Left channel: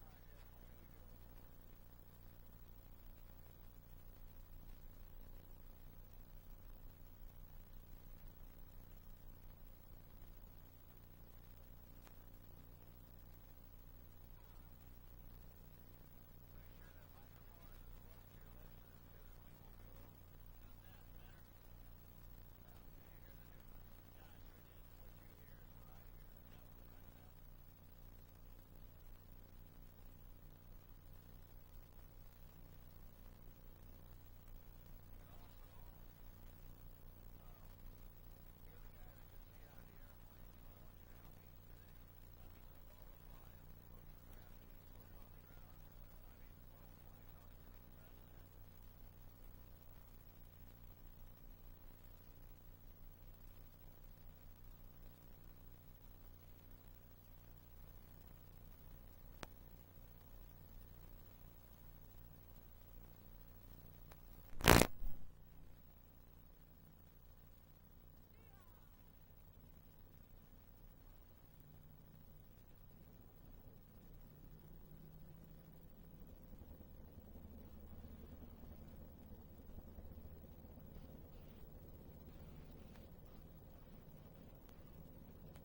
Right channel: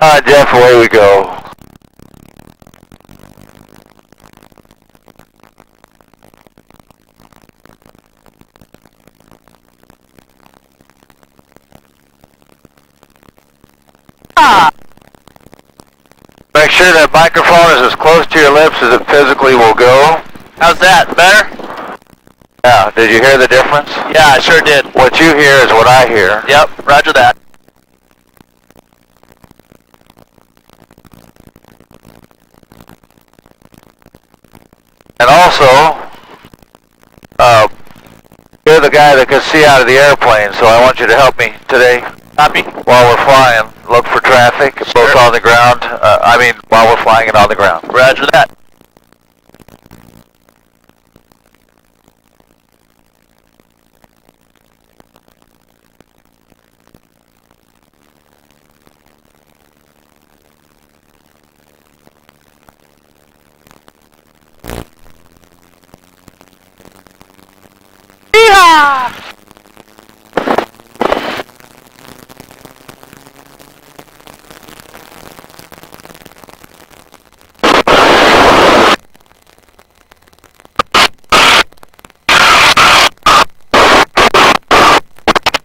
Jeff, away we go. Make sure that microphone is as close to your lips as it physically will go. How's that? Better? Yeah, did you hear the difference? Yeah, I sure did. What you hear is what I hear. Yep, roger that. And also, you're the guy that can see out of the airplane, so I want you to help me today. Copy. While we're flying, look for traffic, both on the ground, while we're flying and on the ground. Roger that. Yeehaw!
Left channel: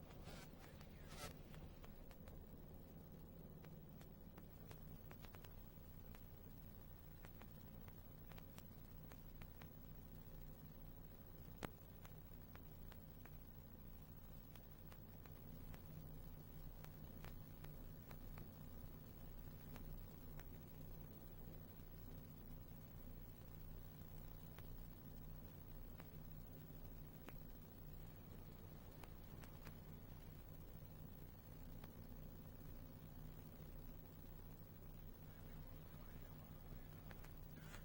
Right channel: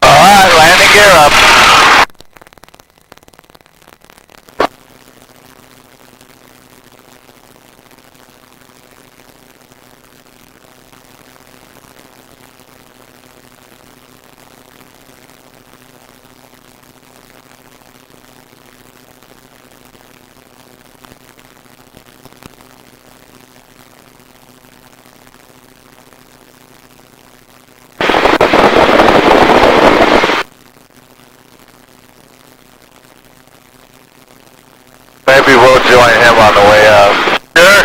Alright, landing gear up. Maybe we'll join him on the way up. Sure.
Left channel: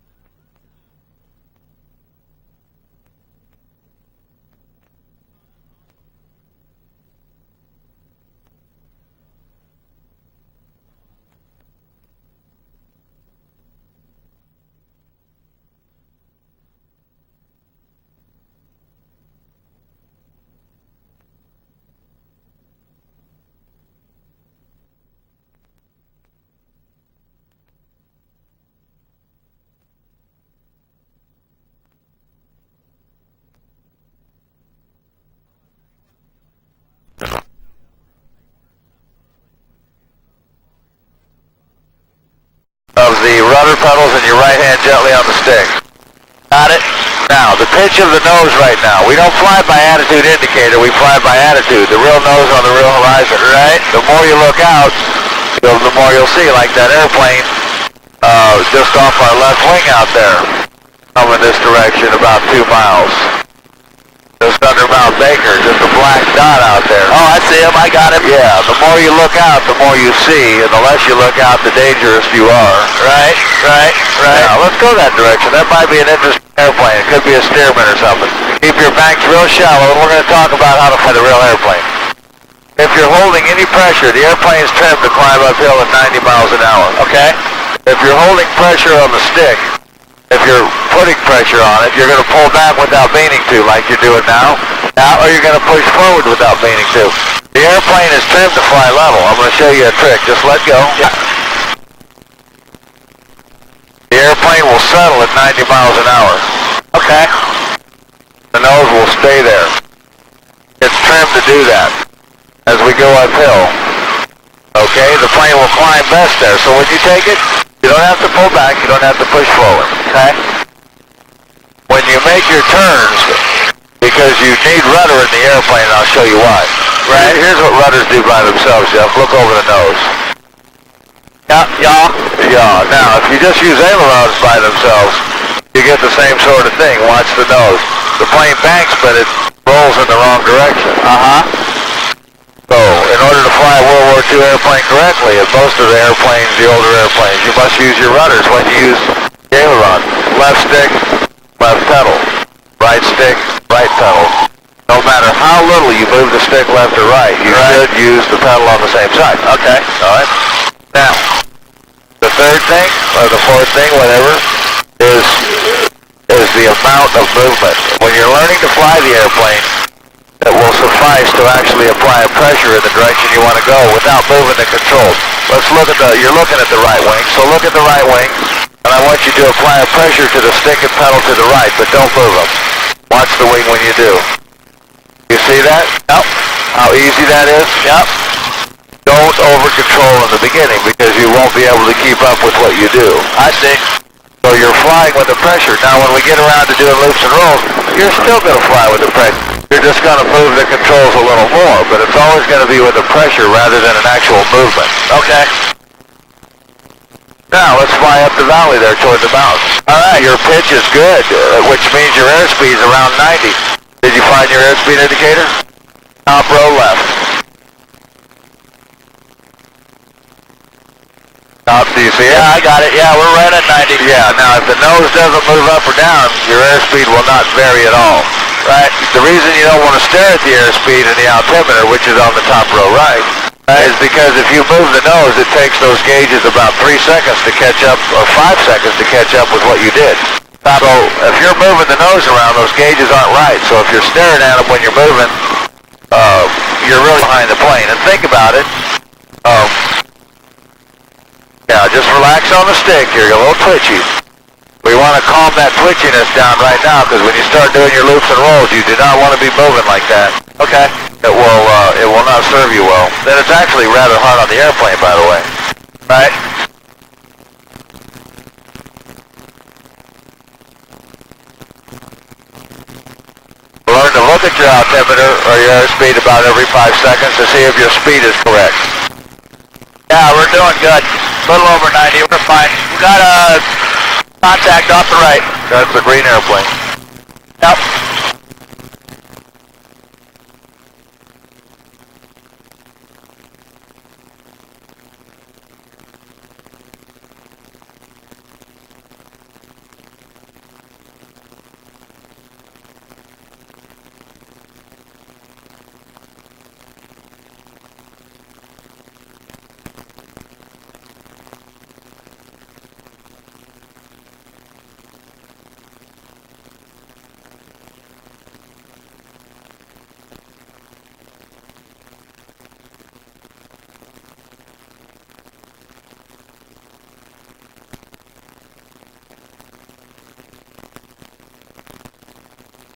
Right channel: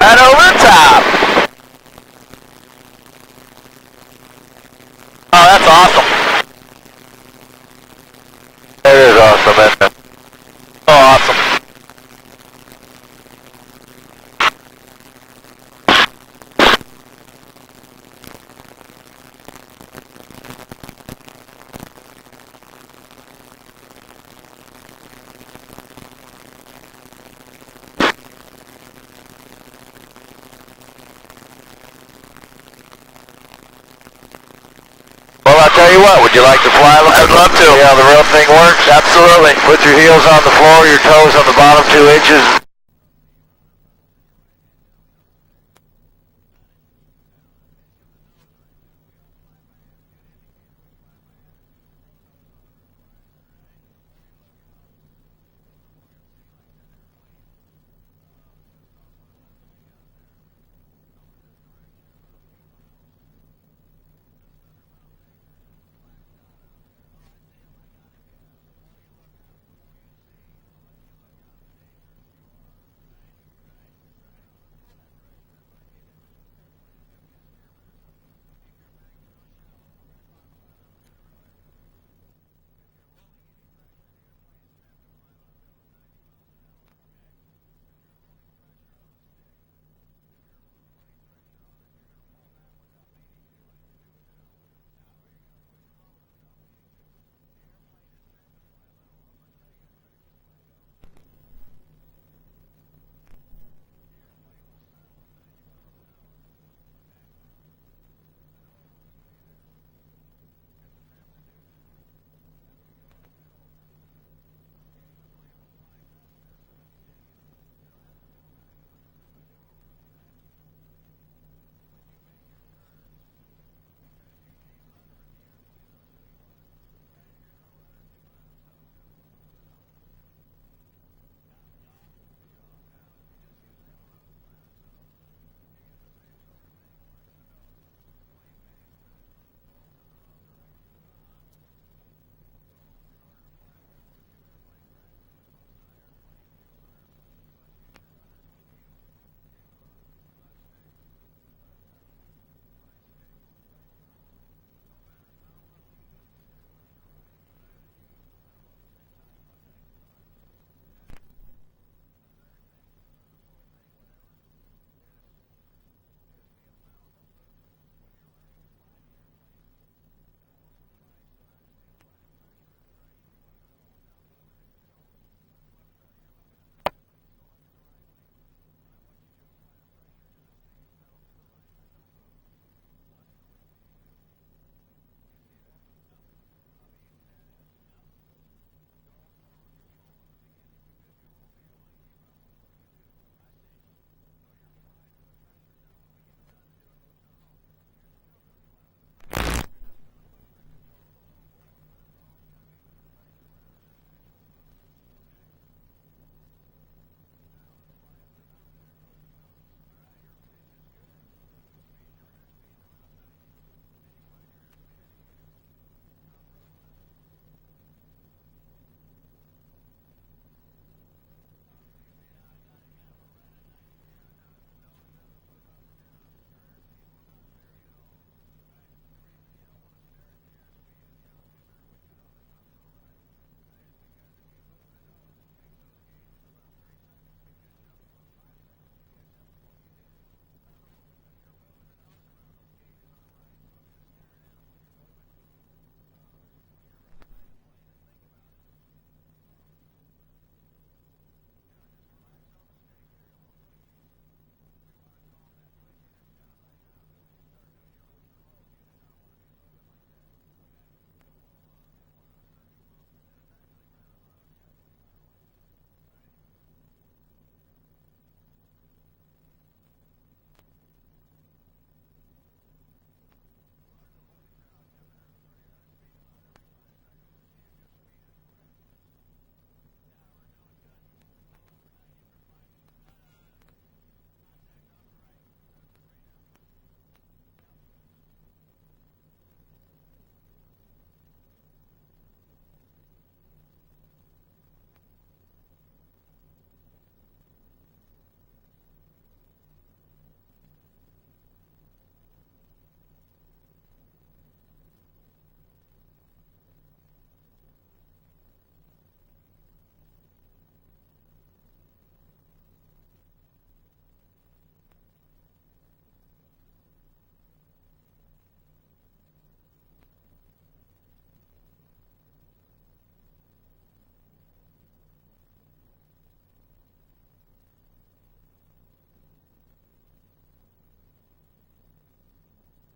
Right over top. Oh, that's awesome. It is awesome, isn't it? Oh, awesome. Well, I'll tell you what, would you like to fly? I'd love to. See how the real thing works? Absolutely. Put your heels on the floor, your toes on the bottom 2 inches of the rudder pedals, and your right hand gently on the stick. Got it. Now, the pitch of the nose right now. We don't fly by attitude indicator, we fly by attitude. The real nose on the real horizon, right? The more you look out, the more you'll see, like that airplane just off our left wing out there, coming this direction about 2 miles. Just under Mount Baker, just a black dot out there. Oh, I see him. I got him. Yeah, the more you look out, the more you see, and the less you look out, the dangerous you are. Right. Now, let's go that direction. That might be an interesting airplane. It could be a Stearman or something. Keep your banks real shallow, and we're going to talk about how to fly the real airplane. If you're holding any pressure, the airplane's trimmed to climb uphill at 90 miles an hour. Okay. If you're holding pressure on the stick, if you're putting pressure on it, you're going to pull back without meaning to, like you're doing now, or you're going to push forward without meaning to. The airplane is trimmed to fly level. I'm going to show you a trick. Just let go. Yeah. The airplane will settle at 90 miles an hour. Okay. The nose will stay there. It's trimmed to do that as we go uphill. Okay, the plane will climb best there. So when you take it, you don't have to pull back, you don't have to push forward. Okay. When you make your turns, because you need rudder in the airplane, and I'll show you why. Right. Here's what rudders do by themselves, Jeff. Look over the nose. Yeah. Now, if you just use ailerons by themselves, you get the same sort of thing. Watch the nose. The plane banks, but it rolls in the wrong direction. So, in order to fly a World War II airplane correctly, and most of the airplanes, the older airplanes, you must use your rudders when you use the aileron. Left stick, left pedal. Right stick, right pedal. No matter how little you move the stick left or right, you should use the pedal on the same side. Okay. All right? Now, the third thing, or the fourth thing, whatever, is the amount of movement. When you're learning to fly the airplane, it will suffice to actually apply a pressure in the direction you want to go without moving the controls. Let's look at you're looking at the right wing, so look at the right wing, and I want you to apply a pressure to the stick and pedal to the right, but don't move them. Watch the wing when you do. You see that? Yep. How easy that is? Yep. Don't over-control in the beginning because you won't be able to keep up with what you do. I see. So you're flying with the pressure. Now when we get around to doing loops and rolls, you're still going to fly with the pressure. You're just going to move the controls a little more, but it's always going to be with the pressure rather than an actual movement. Okay. Now let's fly up the valley there toward the mountains. Alright, your pitch is good, which means your airspeed is around 90. Did you find your airspeed indicator? Top row left. Top, do you see it? Yeah, I got it. Yeah, we're right at 90. Yeah, now if the nose doesn't move up or down, your airspeed will not vary at all. Right? The reason you don't want to stare at the airspeed in the altimeter, which is on the top row right, is because if you move the nose, it takes those gauges about 3 seconds to catch up, or 5 seconds to catch up with what you did. So if you're moving the nose around, those gauges aren't right. So if you're staring at them when you're moving, you're really behind the plane. And think about it. Yeah, just relax on the stick here. You're a little twitchy. We want to calm that twitchiness down right now because when you start doing your loops and rolls, you do not want to be moving like that. Okay. It will not serve you well. Then it's actually rather hard on the airplane, by the way. Right. Learn to look at your altimeter or your airspeed about every 5 seconds to see if your speed is correct. Yeah, we're doing good. A little over 90. We're fine. We got a contact off the right. That's the green airplane. Yep.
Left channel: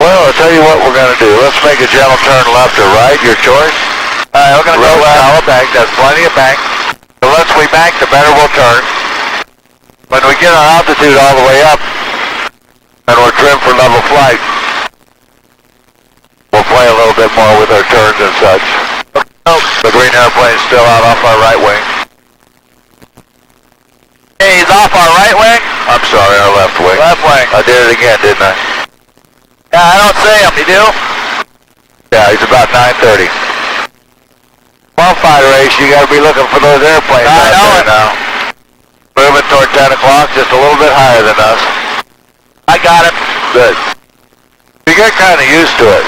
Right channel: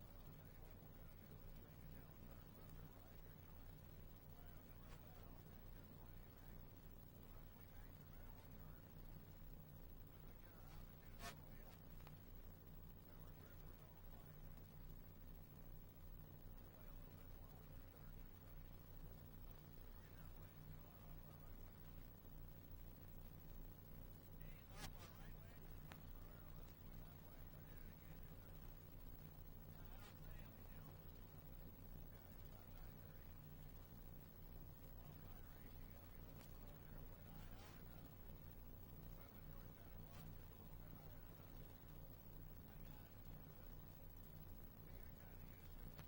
Well, I'll tell you what we're going to do. Let's make a gentle turn left or right, your choice. Alright, we're going to go left. Solid bank, that's plenty of bank. The less we bank, the better we'll turn. When we get our altitude all the way up, and we're trimmed for level flight, we'll play a little bit more with our turns and such. Oh, the green airplane's still out off our right wing. Hey, he's off our right wing? I'm sorry, our left wing. Left wing. I did it again, didn't I? Yeah, I don't see him. You do? Yeah, he's about 9:30. Well, fighter ace, you got to be looking for those airplanes I out know there it. now. Moving toward 10 o'clock, just a little bit higher than us. I got him. Good. You get kind of used to it.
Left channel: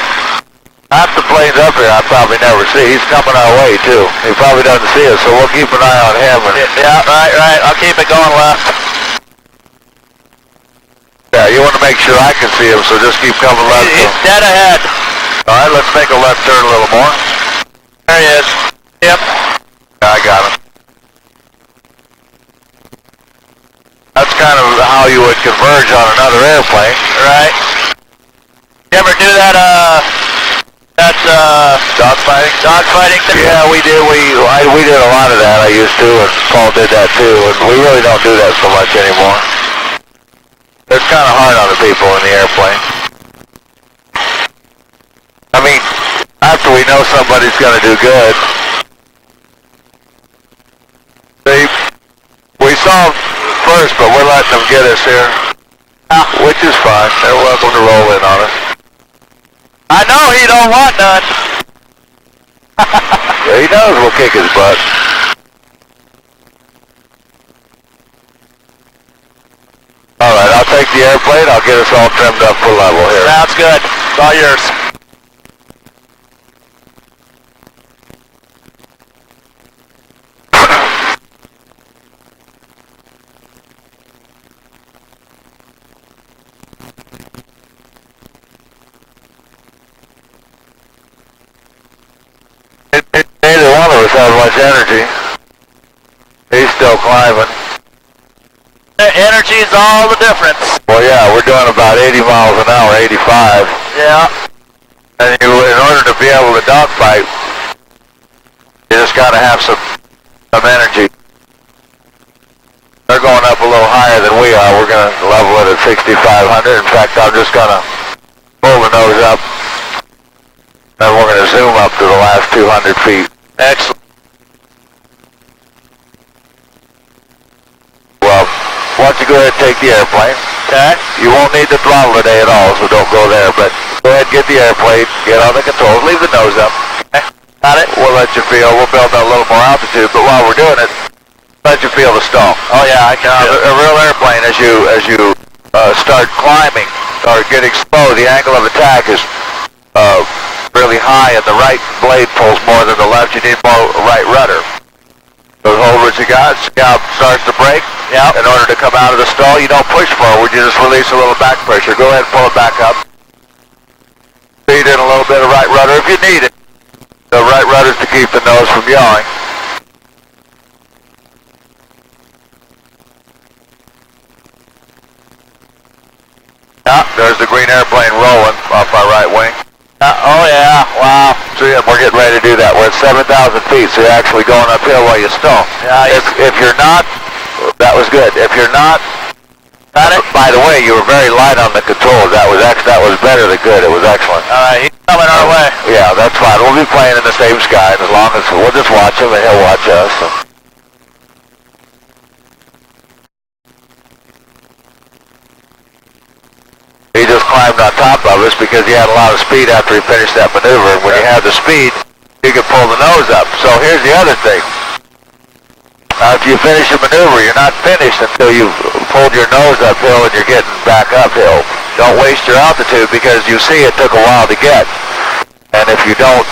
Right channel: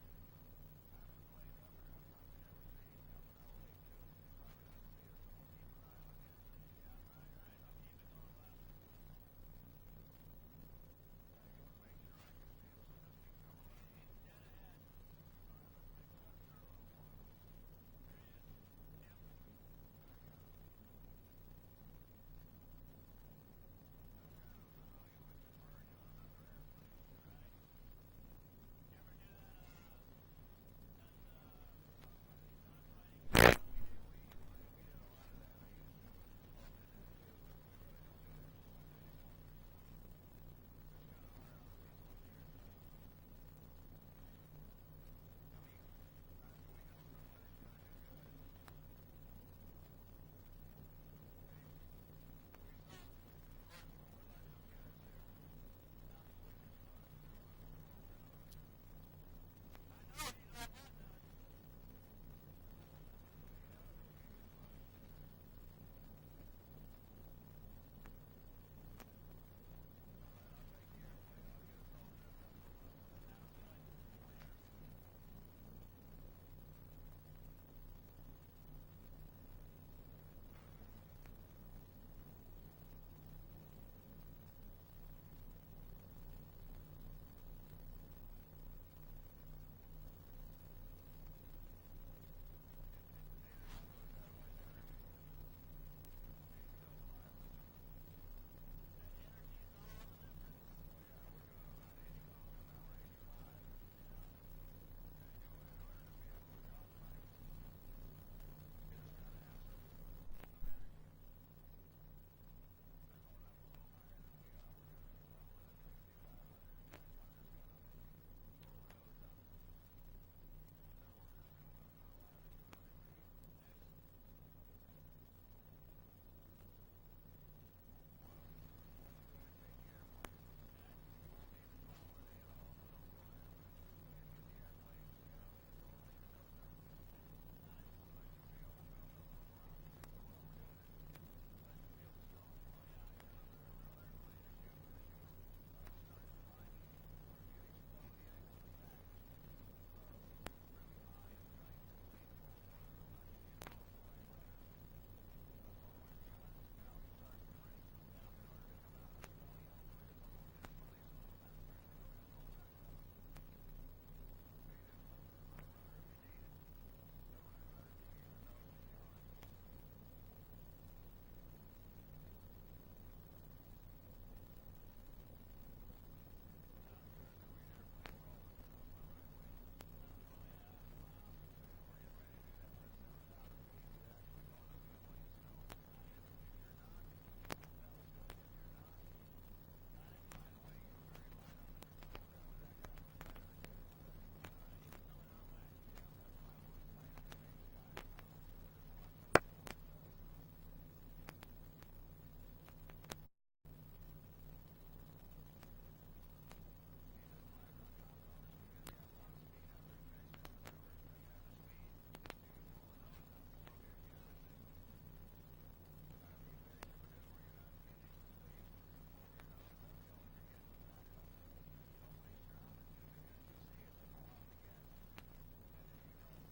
Half the planes up here I probably never see. He's coming our way, too. He probably doesn't see us, so we'll keep an eye on him. Yeah, right. I'll keep it going left. Yeah, you want to make sure I can see him, so just keep coming left. He's dead ahead. All right, let's make a left turn a little more. There he is. Yep. Yeah, I got him. That's kind of how you would converge on another airplane. Right. You ever do that, Dogfighting? dogfighting thing? Yeah, we did. We did a lot of that. I used to, and Paul did that too. And we really don't do that so much anymore. It's kind of hard on the people in the airplane. I mean, after we know somebody's going to do good. See, we saw them first, but we're letting them get us here. Which is fine. They're welcome to roll in on us. I know he don't want none. Yeah, he knows we'll kick his butt. Alright, I'll take the airplane. I'll get us all trimmed up for level here. Sounds good. It's all yours. have much energy. He's still climbing. Energy's all the difference. Well, yeah, we're doing about 80 miles an hour, 85. Yeah. And in order to be able to dogfight, you just got to have some energy. They're going up a little higher than we are. We're going to level it at 6,500. In fact, I'm just going to pull the nose up. Then we're going to zoom up to the last 200 feet. Excellent. Well, why don't you go ahead and take the airplane. Okay. You won't need the throttle today at all, so don't go there. But go ahead and get the airplane, get on the controls, leave the nose up. Okay. Got it? We'll let you feel. We'll build a little more altitude, but while we're doing it, let you feel the stall. Oh yeah, I can. A real airplane, as you start climbing or getting slow, the angle of attack is really high, and the right blade pulls more than the left. You need more right rudder. So hold what you got. Scout starts to brake. Yep. In order to come out of the stall, you don't push forward. You just release a little back pressure. Go ahead and pull it back up. Feed in a little bit of right rudder if you need it. The right rudder's to keep the nose from yawing. There's the green airplane rolling off our right wing. Oh yeah, wow. So yeah, we're getting ready to do that. We're at 7,000 feet, so you're actually going uphill while you stall. Yeah, if you're not, that was good. If you're not, by the way, you were very light on the controls. That was better than good. It was excellent. All right, he's coming our way. Yeah, that's fine. We'll be playing in the same sky, and as long as we'll just watch him and he'll watch us. So. He just climbed on top of us because he had a lot of speed after he finished that maneuver. And when you have the speed, you can pull the nose up. So here's the other thing. After you finish a maneuver, you're not finished until you've pulled your nose uphill and you're getting back uphill. Don't waste your altitude because you see it took a while to get. And if you don't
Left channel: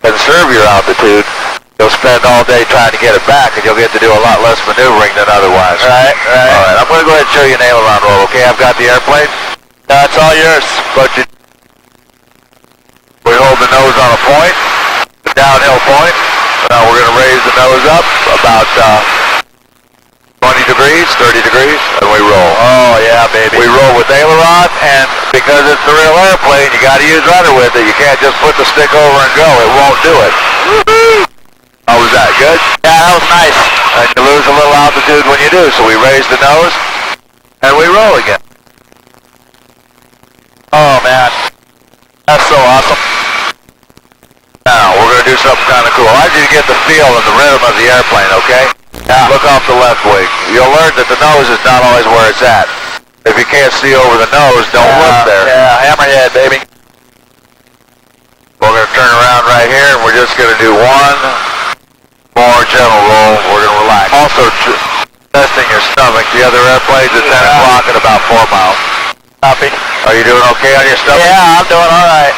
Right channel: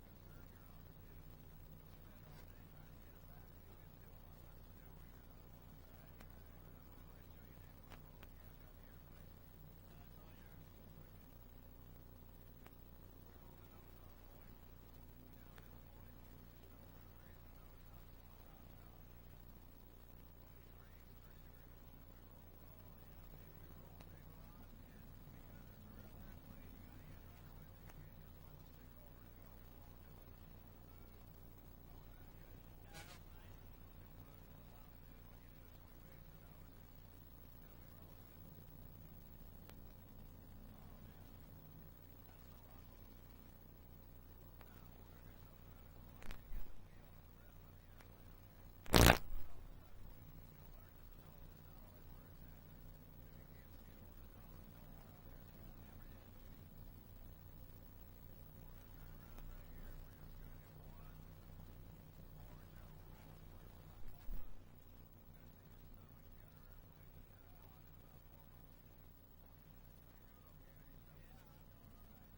conserve your altitude, you'll spend all day trying to get it back, and you'll get to do a lot less maneuvering than otherwise. Right. All right, I'm going to go ahead and show you an aileron roll, okay? I've got the airplane. That's all yours. But we hold the nose on a point, the downhill point. Now we're going to raise the nose up about 20 degrees, 30 degrees, and we roll. Oh yeah, baby. We roll with aileron, and because it's the real airplane, you got to use rudder with it. You can't just put the stick over and go. It won't do it. Woo-hoo! How was that? Good? Yeah, that was nice. And you lose a little altitude when you do, so we raise the nose, and we roll again. Oh man, that's so awesome. Now, we're going to do something kind of cool. I want you to get the feel and the rhythm of the airplane, okay? Yeah. Look off the left wing. You'll learn that the nose is not always where it's at. If you can't see over the nose, don't look there. Yeah, hammerhead, baby. We're going to turn around right here, and we're just going to do one more gentle roll. We're going to relax. Also, testing your stomach. The other airplane's at 10 o'clock at about 4 miles. Copy. Are you doing okay on your stomach? Yeah, I'm doing all right.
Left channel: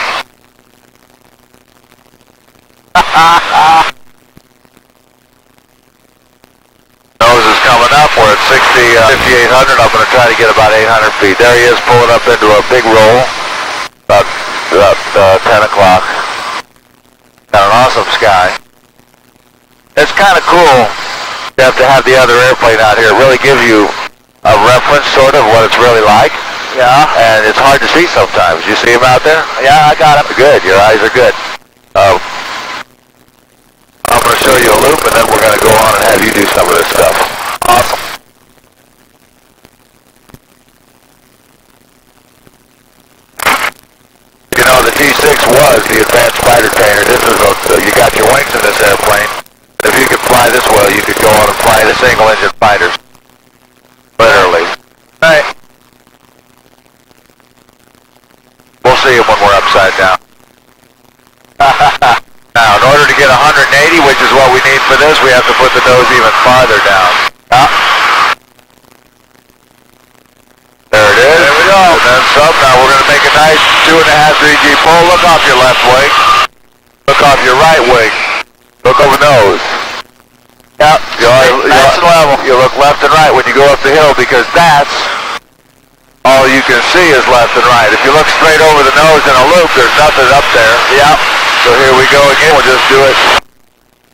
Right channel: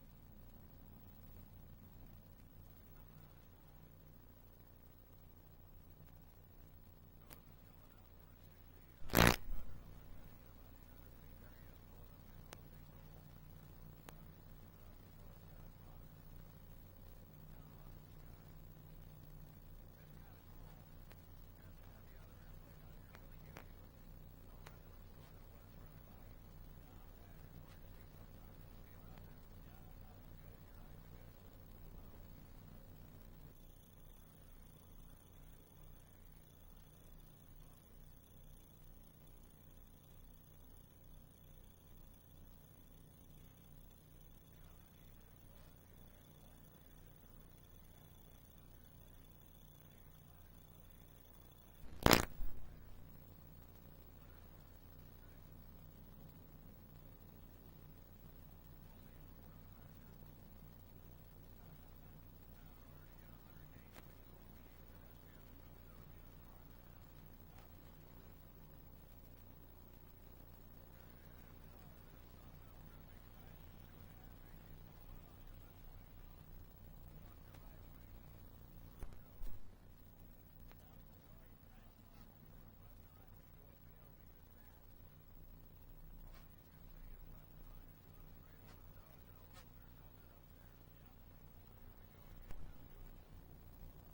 Nose is coming up. We're at 5,800. I'm going to try to get about 800 feet. There he is, pulling up into a big roll. About 10 o'clock. Got an awesome sky. It's kind of cool to have the other airplane out here. It really gives you a reference, sort of, what it's really like. Yeah. And it's hard to see sometimes. You see him out there? Yeah, I got him. Good. Your eyes are good. I'm going to show you a loop, and then we're going to go on and have you do some of this stuff. Awesome. You know, the T-6 was the advanced fighter trainer. This is you got your wings in this airplane. If you could fly this well, you could go on and fly the single-engine fighters. Literally. Right. We'll see it when we're upside down. Now, in order to get 180, which is what we need for this, we have to put the nose even farther down. There it is. There we go. And then some. Now we're going to make a nice 2.5, 3G pull. Look off your left wing. Look off your right wing. Look over nose. Yep. Nice and level. You look left and right when you go up the hill, because that's all you can see is left and right. If you look straight over the nose in a loop, there's nothing up there. Yep. So here we go again. We'll just do it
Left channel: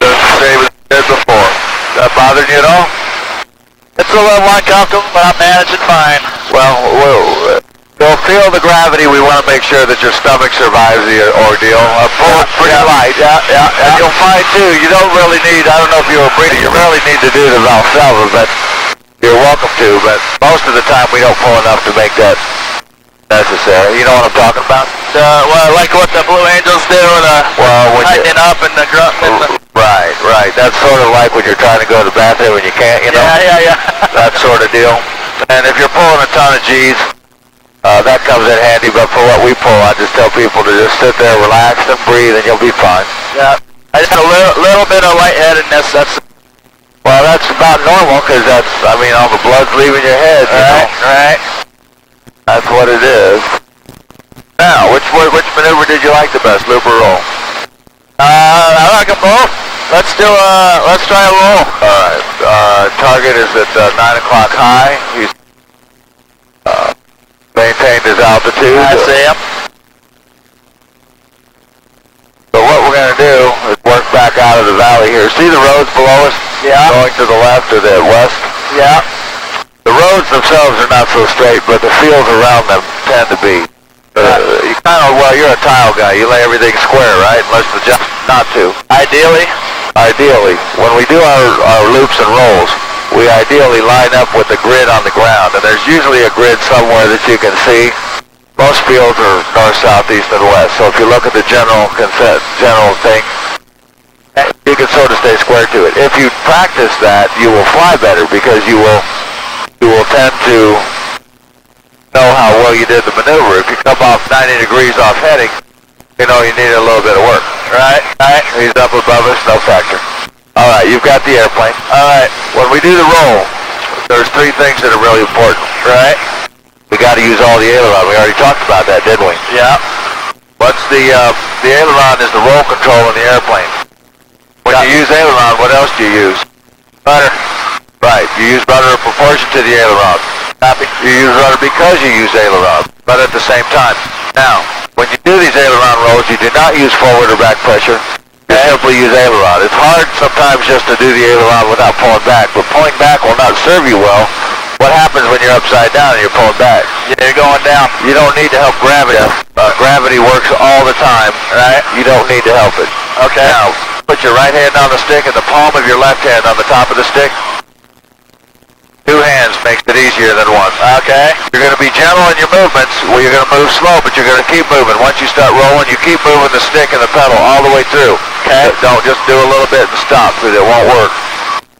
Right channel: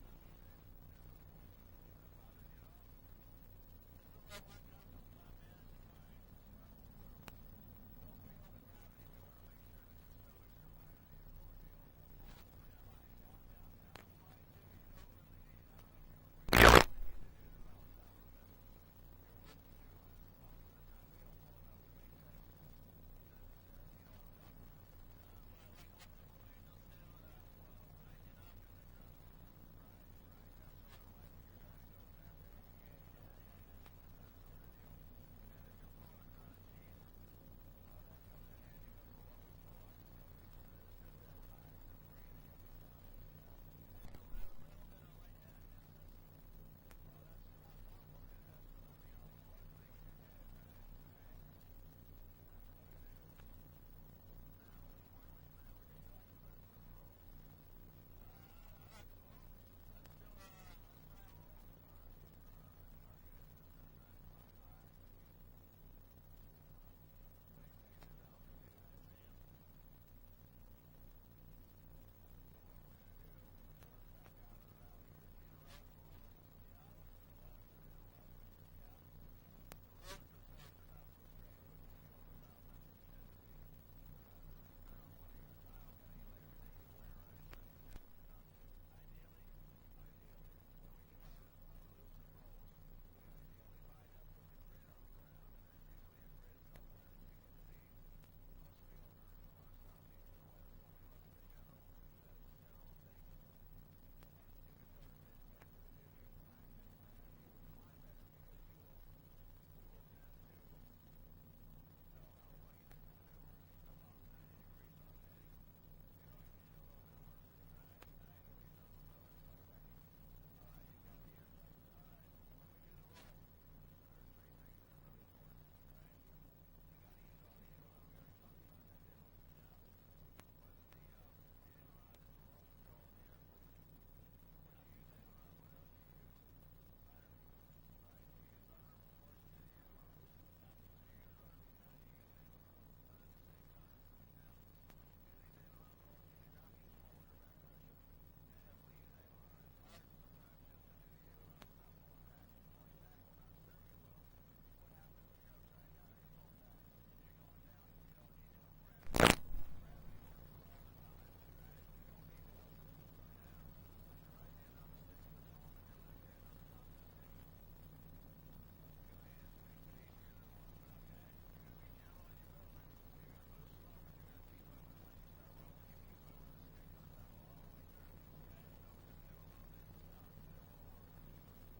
the bothering you at all? It's a little uncomfortable, but I'm managing fine. Well, you'll feel the gravity. We want to make sure that your stomach survives the ordeal. Pull it pretty light. Yeah. And you'll find, too, you don't really need, I don't know if you were breathing, you really need to do the Valsalva, but you're welcome to, but most of the time we don't pull enough to make that necessary. You know what I'm talking about? Well, like what the Blue Angels do, when tightening up and the grunt. Right. That's sort of like when you're trying to go to the bathroom and you can't, you know? Yeah. That sort of deal. And if you're pulling a ton of G's, that comes in handy, but for what we pull, I just tell people to just sit there, relax, and breathe, and you'll be fine. Yeah. I just had a little bit of lightheadedness. Well, that's about normal, because all the blood's leaving your head, you know? Right. That's what it is. Now, which maneuver did you like the best, loop or roll? I like them both. Let's try a roll. Alright, target is at 9 o'clock high. He's maintained his altitude. I see him. So what we're going to do is work back out of the valley here. See the roads below us? Yeah. Going to the left or the west? Yeah. The roads themselves are not so straight, but the fields around them tend to be. You're a tile guy. You lay everything square, right? Unless the job's not to. Ideally, when we do our loops and rolls, we ideally line up with the grid on the ground, and there's usually a grid somewhere that you can see. Most fields are north, south, east, and west. So if you look at the general thing, you can sort of stay square to it. If you practice that, you will fly better because you will tend to know how well you did the maneuver. If you come off 90 degrees off heading, you know you need a little bit of work. right. He's up above us, no factor. All right, you've got the airplane. All right, when we do the roll, there's three things that are really important. Right. We got to use all the aileron. We already talked about that, didn't we? Yeah. What's the aileron is the roll control in the airplane. When you use aileron, what else do you use? Rudder. Right, you use rudder in proportion to the aileron. Copy. You use rudder because you use aileron, but at the same time. Now, when you do these aileron rolls, you do not use forward or back pressure. You simply use aileron. It's hard sometimes just to do the aileron without pulling back, but pulling back will not serve you well. What happens when you're upside down and you're pulling back? Yeah, you're going down. You don't need to help gravity. Gravity works all the time, right? You don't need to help it. Okay. Now, put your right hand on the stick and the palm of your left hand on the top of the stick. Two hands makes it easier than one. Okay. You're going to be gentle in your movements. Well, you're going to move slow, but you're going to keep moving. Once you start rolling, you keep moving the stick and the pedal all the way through. Okay. Don't just do a little bit and stop, because it won't work.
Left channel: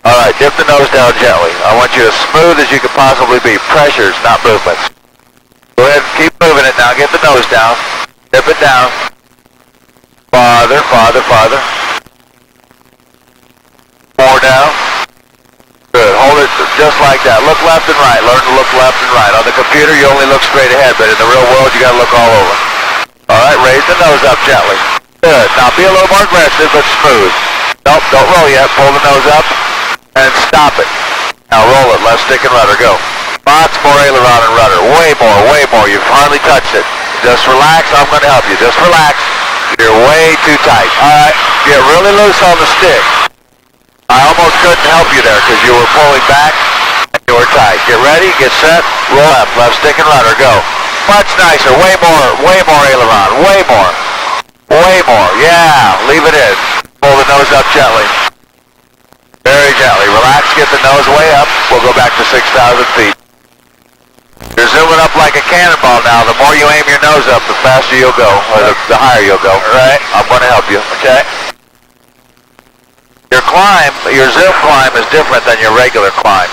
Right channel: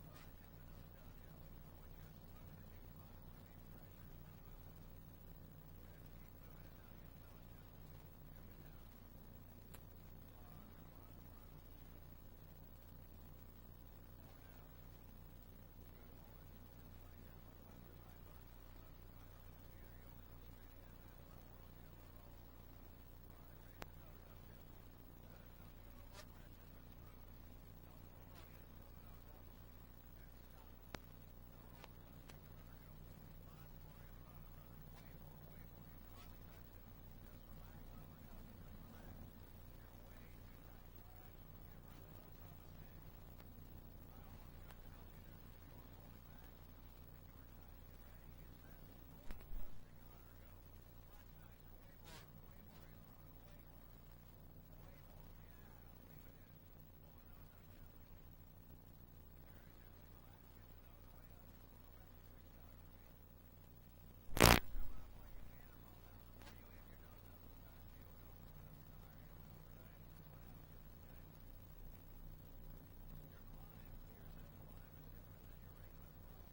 All right, dip the nose down gently. I want you as smooth as you can possibly be. Pressures, not movements. Go ahead and keep moving it now. Get the nose down. Dip it down. Farther, farther, farther. More down. Good. Hold it just like that. Look left and right. Learn to look left and right. On the computer, you only look straight ahead, but in the real world, you got to look all over. All right, raise the nose up gently. Good. Now be a little more aggressive, but smooth. Nope, don't roll yet. Pull the nose up and stop it. Now roll it. Left stick and rudder. Go. Lots more aileron and rudder. Way more, way more. You've hardly touched it. Just relax. I'm going to help you. Just relax. You're way too tight. All right. Get really loose on the stick. I almost couldn't help you there because you were pulling back and you were tight. Get ready, get set, roll left, left stick and rudder, go. Much nicer, way more aileron, way more, yeah, leave it in. Pull the nose up gently. Very gently, relax, get the nose way up. We'll go back to 6,000 feet. You're zooming up like a cannonball now. The more you aim your nose up, the faster you'll go, or the higher you'll go. All right, I'm going to help you, okay? Your climb, your zoom climb is different than your regular climb.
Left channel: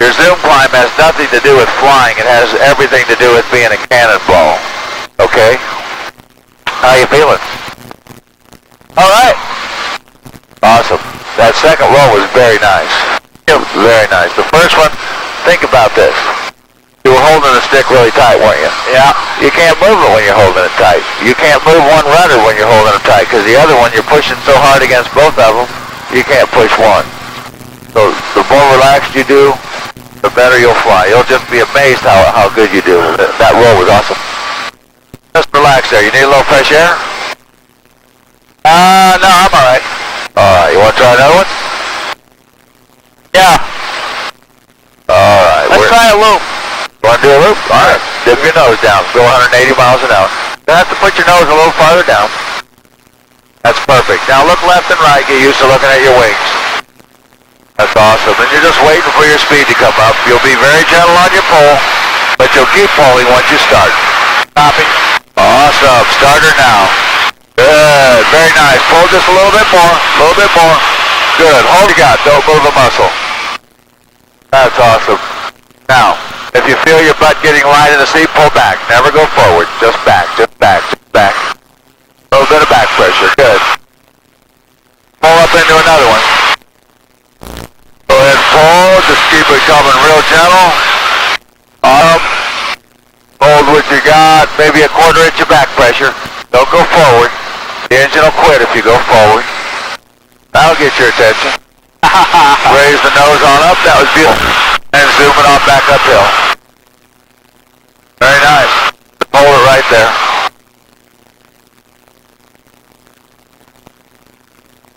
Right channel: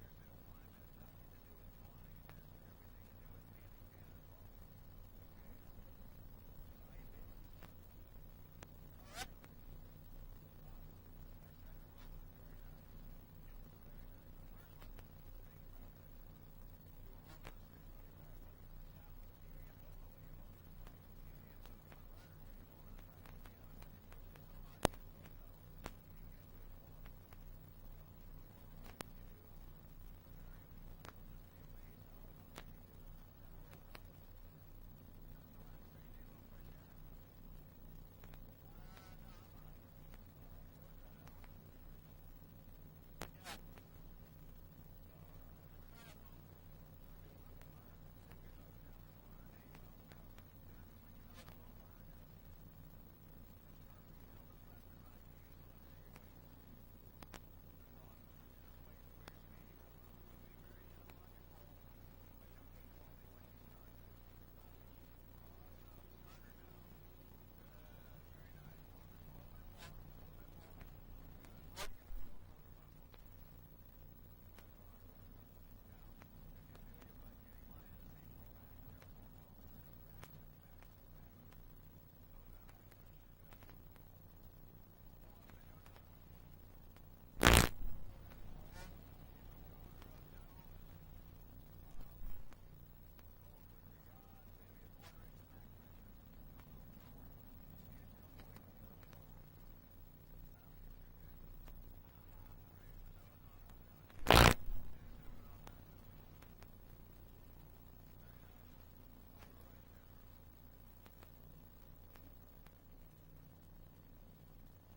Your zoom climb has nothing to do with flying. It has everything to do with being a cannonball. Okay? How you feeling? All right. Awesome. That second roll was very nice. Very nice. The first one, think about this. You were holding the stick really tight, weren't you? Yeah. You can't move it when you're holding it tight. You can't move one rudder when you're holding it tight, because the other one, you're pushing so hard against both of them, you can't push one. So the more relaxed you do, the better you'll fly. You'll just be amazed how good you do. That roll was awesome. Just relax there. You need a little fresh air? No, I'm all right. All right. You want to try another one? loop? All right. Dip your nose down. Go 180 miles an hour. You have to put your nose a little farther down. That's perfect. Now look left and right. Get used to looking at your wings. That's awesome. And you're just waiting for your speed to come up. You'll be very gentle on your pull, but you'll keep pulling once you start. Copy. Awesome. Starter now. Good. Very nice. Pull just a little bit more. A little bit more. Good. Hold you got. Don't move a muscle. That's awesome. Now, if you feel your butt getting light in the seat, pull back. Never go forward. Just back. Just back. Just back. A little bit of back pressure. Good. Pull up into another one. Go ahead and pull. Just keep it coming real gentle. Up. Hold what you got. Maybe a quarter inch of back pressure. Don't go forward. The engine will quit if you go forward. That'll get your attention. Raise the nose on up. That was beautiful. And zoom it on back uphill. Very nice. Hold it right there.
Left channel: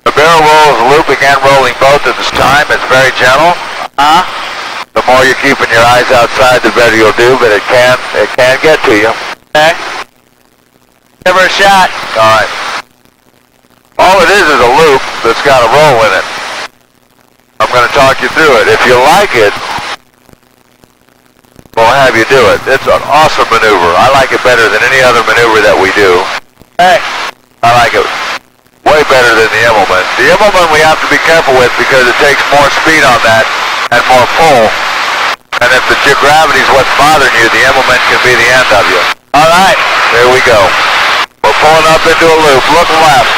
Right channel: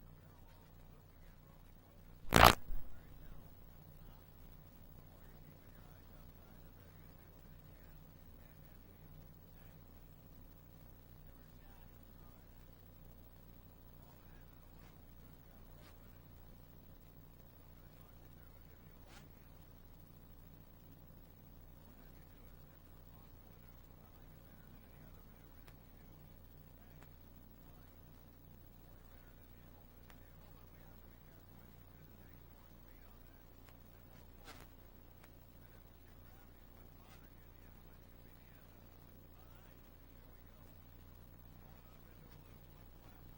The barrel roll is looping and rolling both at this time. It's very gentle. The more you're keeping your eyes outside, the better you'll do, but it can get to you. Okay. Give her a shot. All right. All it is a loop that's got a roll in it. I'm going to talk you through it. If you like it, we'll have you do it. It's an awesome maneuver. I like it better than any other maneuver that we do. Hey. I like it way better than the Immelman. The Immelman we have to be careful with because it takes more speed on that and more pull. And if the gravity's what's bothering you, the Immelman can be the end of you. All right. There we go. We're pulling up into a loop. Look left.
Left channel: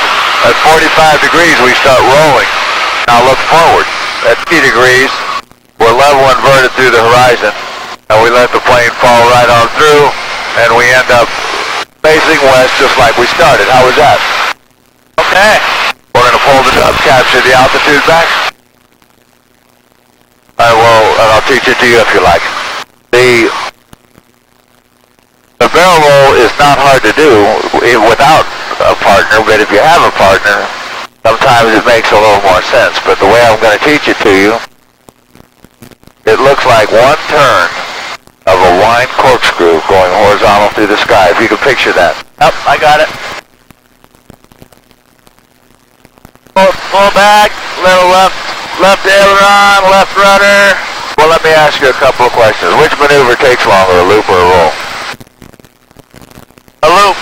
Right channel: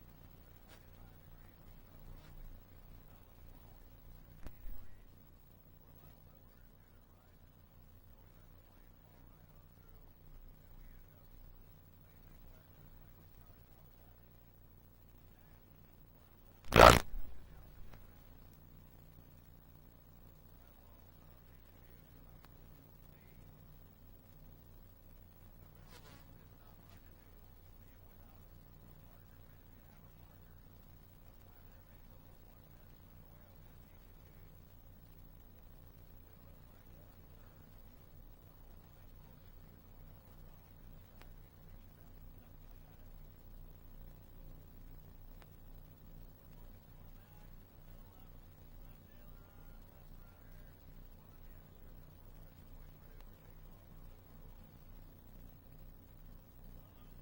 At 45 degrees, we start rolling. Now look forward. At 50 degrees, we're level inverted through the horizon. And we let the plane fall right on through, and we end up facing west just like we started. How was that? Okay. We're going to pull this up, capture the altitude back. I will, and I'll teach it to you if you like. The barrel roll is not hard to do without a partner, but if you have a partner, sometimes it makes a little more sense. But the way I'm going to teach it to you, it looks like one turn of a wind corkscrew going horizontal through the sky. If you can picture that. Yep, I got it. Pull back, little left aileron, left rudder. Well, let me ask you a couple of questions. Which maneuver takes longer, a loop or a roll? A loop.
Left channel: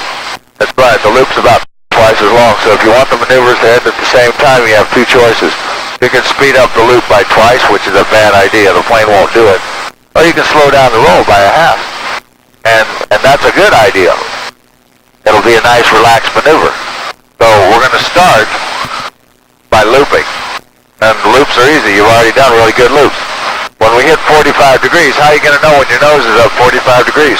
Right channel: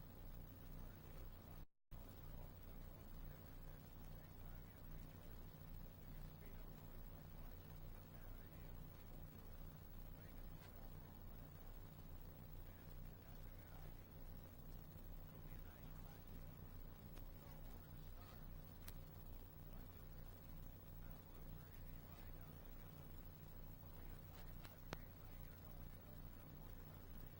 That's right, the loop's about twice as long, so if you want the maneuvers to end at the same time, you have two choices. You can speed up the loop by twice, which is a bad idea, the plane won't do it. Or you can slow down the roll by a half. And that's a good idea. It'll be a nice relaxed maneuver. So we're going to start by looping. And loops are easy, you've already done really good loops. When we hit 45 degrees, how are you going to know when your nose is up 45 degrees?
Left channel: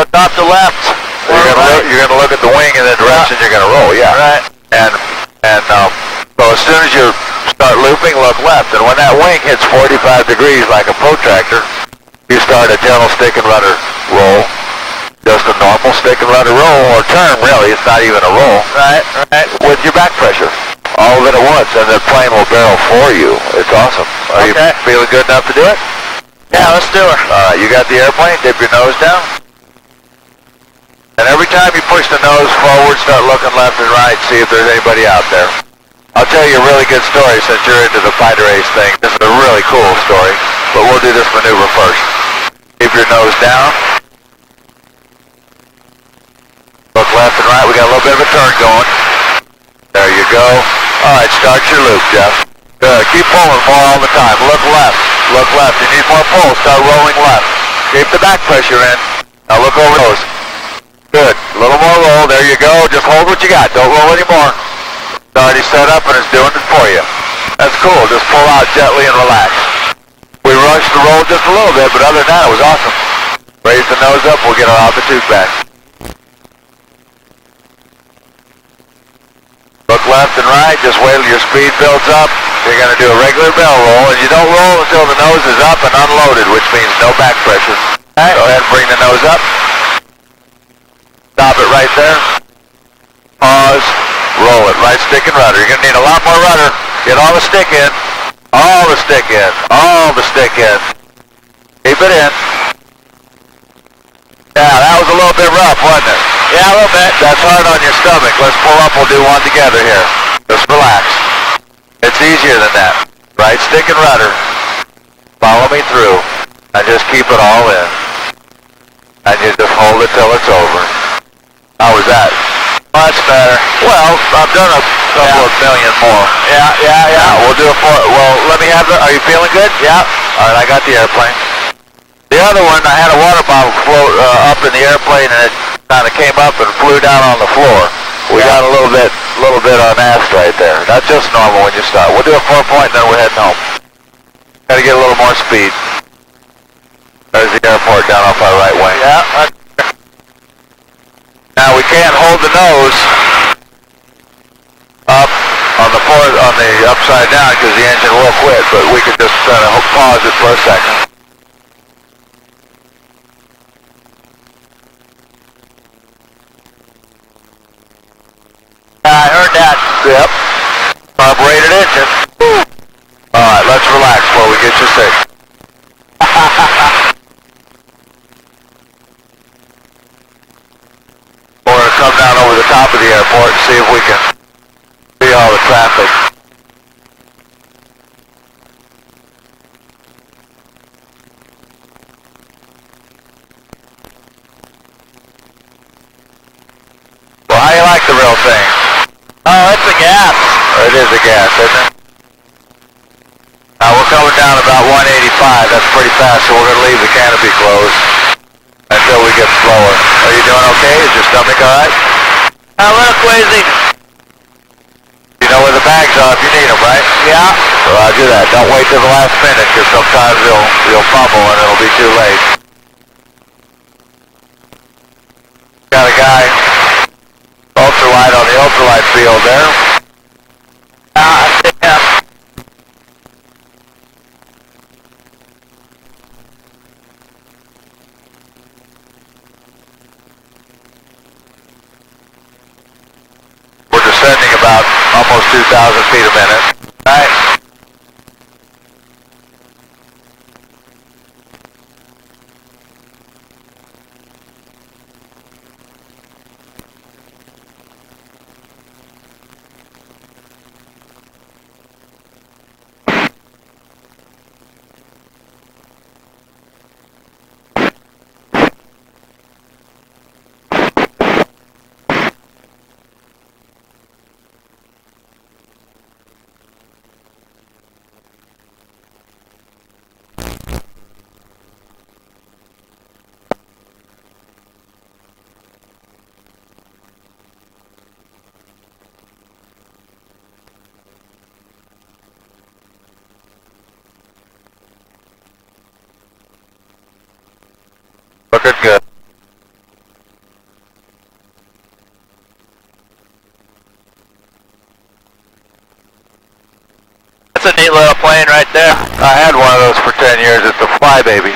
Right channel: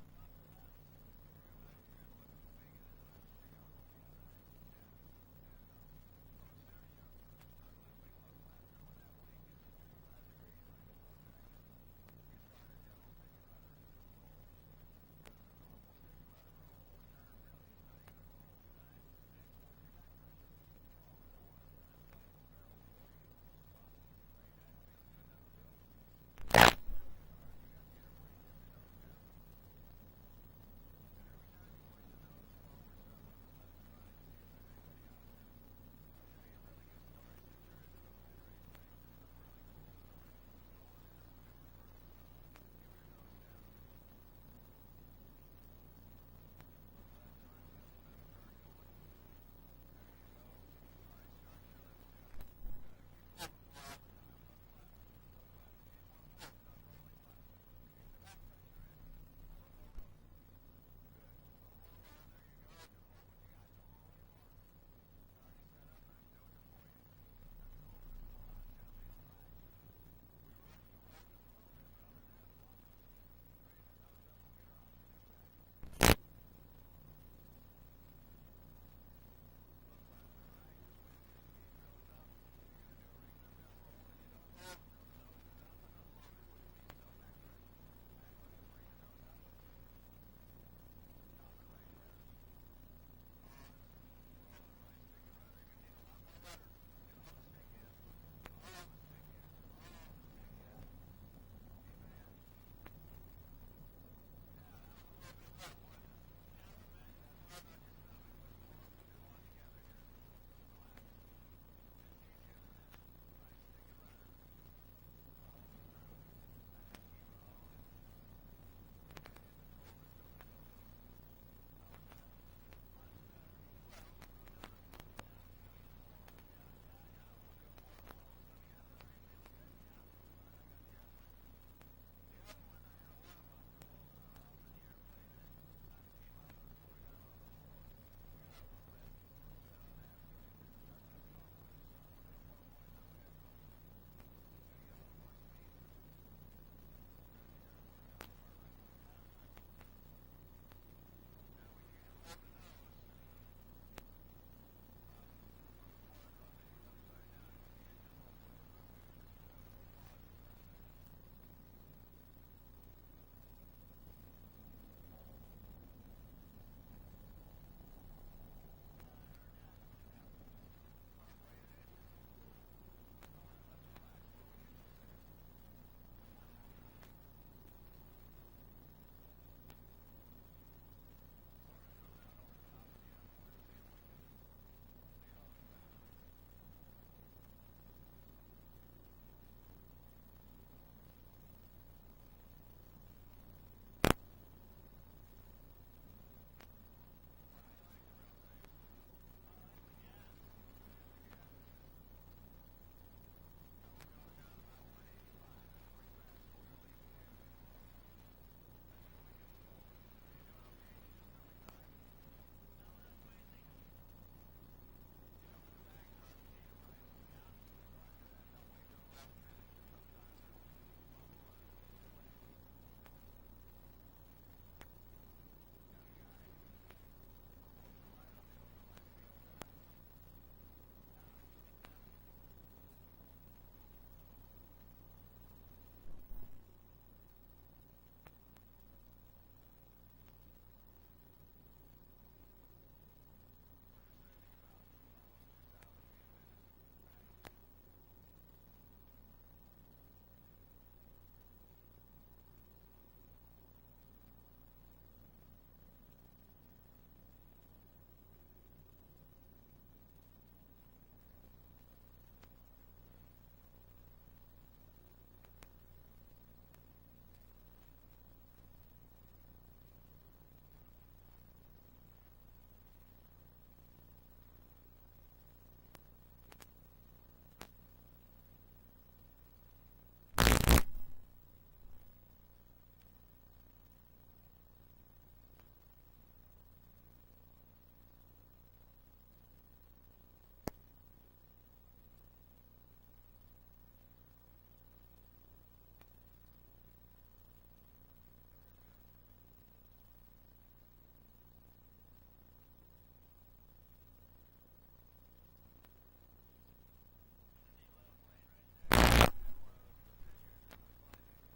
Look off to left. You're going to look at the wing in the direction you're going to roll, yeah. Right. So as soon as you start looping, look left. And when that wing hits 45 degrees like a protractor, you start a gentle stick and rudder roll. Just a normal stick and rudder roll, or turn, really. It's not even a roll. Right. With your back pressure. All of it at once, and the plane will barrel for you. It's awesome. Are you feeling good enough to do it? Yeah, let's do it. All right, you got the airplane. Dip your nose down. And every time you push the nose forward, start looking left and right, see if there's anybody out there. I'll tell you a really good story since you're into the fighter race thing. This is a really cool story, but we'll do this maneuver first. Keep your nose down. Look left and right. We got a little bit of a turn going. There you go. All right, start your loop, Jeff. Good. Keep pulling more all the time. Look left. Look left. You need more pull. Start rolling left. Keep the back pressure in. Now look over those. Good. A little more roll. There you go. Just hold what you got. Don't roll anymore. It's already set up and it's doing it for you. That's cool. Just pull out gently and relax. We rushed the roll just a little bit, but other than that, it was awesome. Raise the nose up. We'll get our altitude back. Look left and right. Just wait till your speed builds up. You're going to do a regular bell roll, and you don't roll until the nose is up and unloaded, which means no back pressure. All right. Go ahead and bring the nose up. Stop it right there. Pause. Roll it. Right stick and rudder. You're going to need a lot more rudder. Get all the stick in. All the stick in. All the stick in. Keep it in. Yeah, that was a little bit rough, wasn't it? Yeah, a little bit. That's hard on your stomach. Let's pull up. We'll do one together here. Just relax. It's easier than that. Right stick and rudder. Follow me through. And just keep it all in. And you just hold it till it's over. How was that? Much better. Well, I've done a couple of million more. Yeah. Now, we'll do it for, well, let me have the, are you feeling good? Yeah. All right, I got the airplane. The other one, I had a water bottle float up in the airplane, and it kind of came up and flew down on the floor. We got a little bit unasked right there. That's just normal when you start. We'll do a 4-point, then we're heading home. Got to get a little more speed. There's the airport down off our right wing. Yeah. Now we can't hold the nose up on the upside down because the engine will quit, but we can just kind of pause it for a second. I heard that. Yep. Carbureted engine. Alright, let's relax before we get you sick. We're going to come down over the top of the airport and see if we can see all the traffic. Well, how do you like the real thing? Oh, it's a gas. It is a gas, isn't it? Now we're coming down about 185. That's pretty fast, so we're going to leave the canopy closed until we get slower. Are you doing okay? Is your stomach all right? A little queasy. You know where the bags are if you need them, right? Yeah. Roger that. Don't wait till the last minute, because sometimes you'll fumble and it'll be too late. Got a guy ultralight on the ultralight field there. I see him. We're descending about almost 2,000 feet a minute. Right. Looking good. That's a neat little plane right there. I had one of those for 10 years. It's a Flybaby.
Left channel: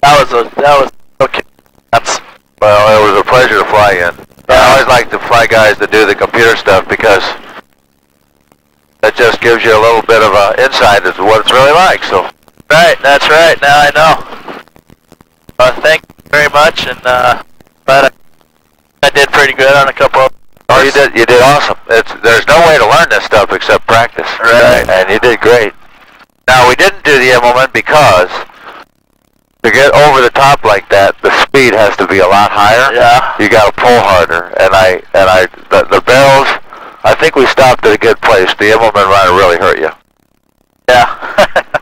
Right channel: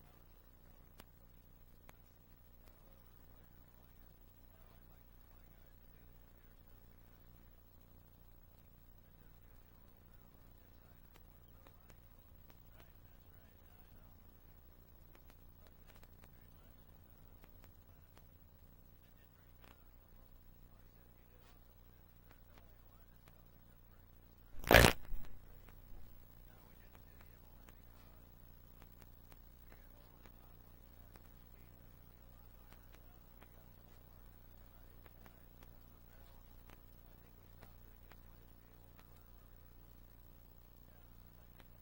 That was okay. Well, it was a pleasure to fly in. I always like to fly guys that do the computer stuff because that just gives you a little bit of insight as to what it's really like. So, Right, that's right. Now I know. Thank you very much, and but I did pretty good on a couple of. oh, you did awesome. There's no way to learn this stuff except practice. Right. And you did great. Now we didn't do the Immelman because to get over the top like that, the speed has to be a lot higher. Yeah. You got to pull harder, and the barrels. I think we stopped at a good place. The Immelman run really hurt you. Yeah.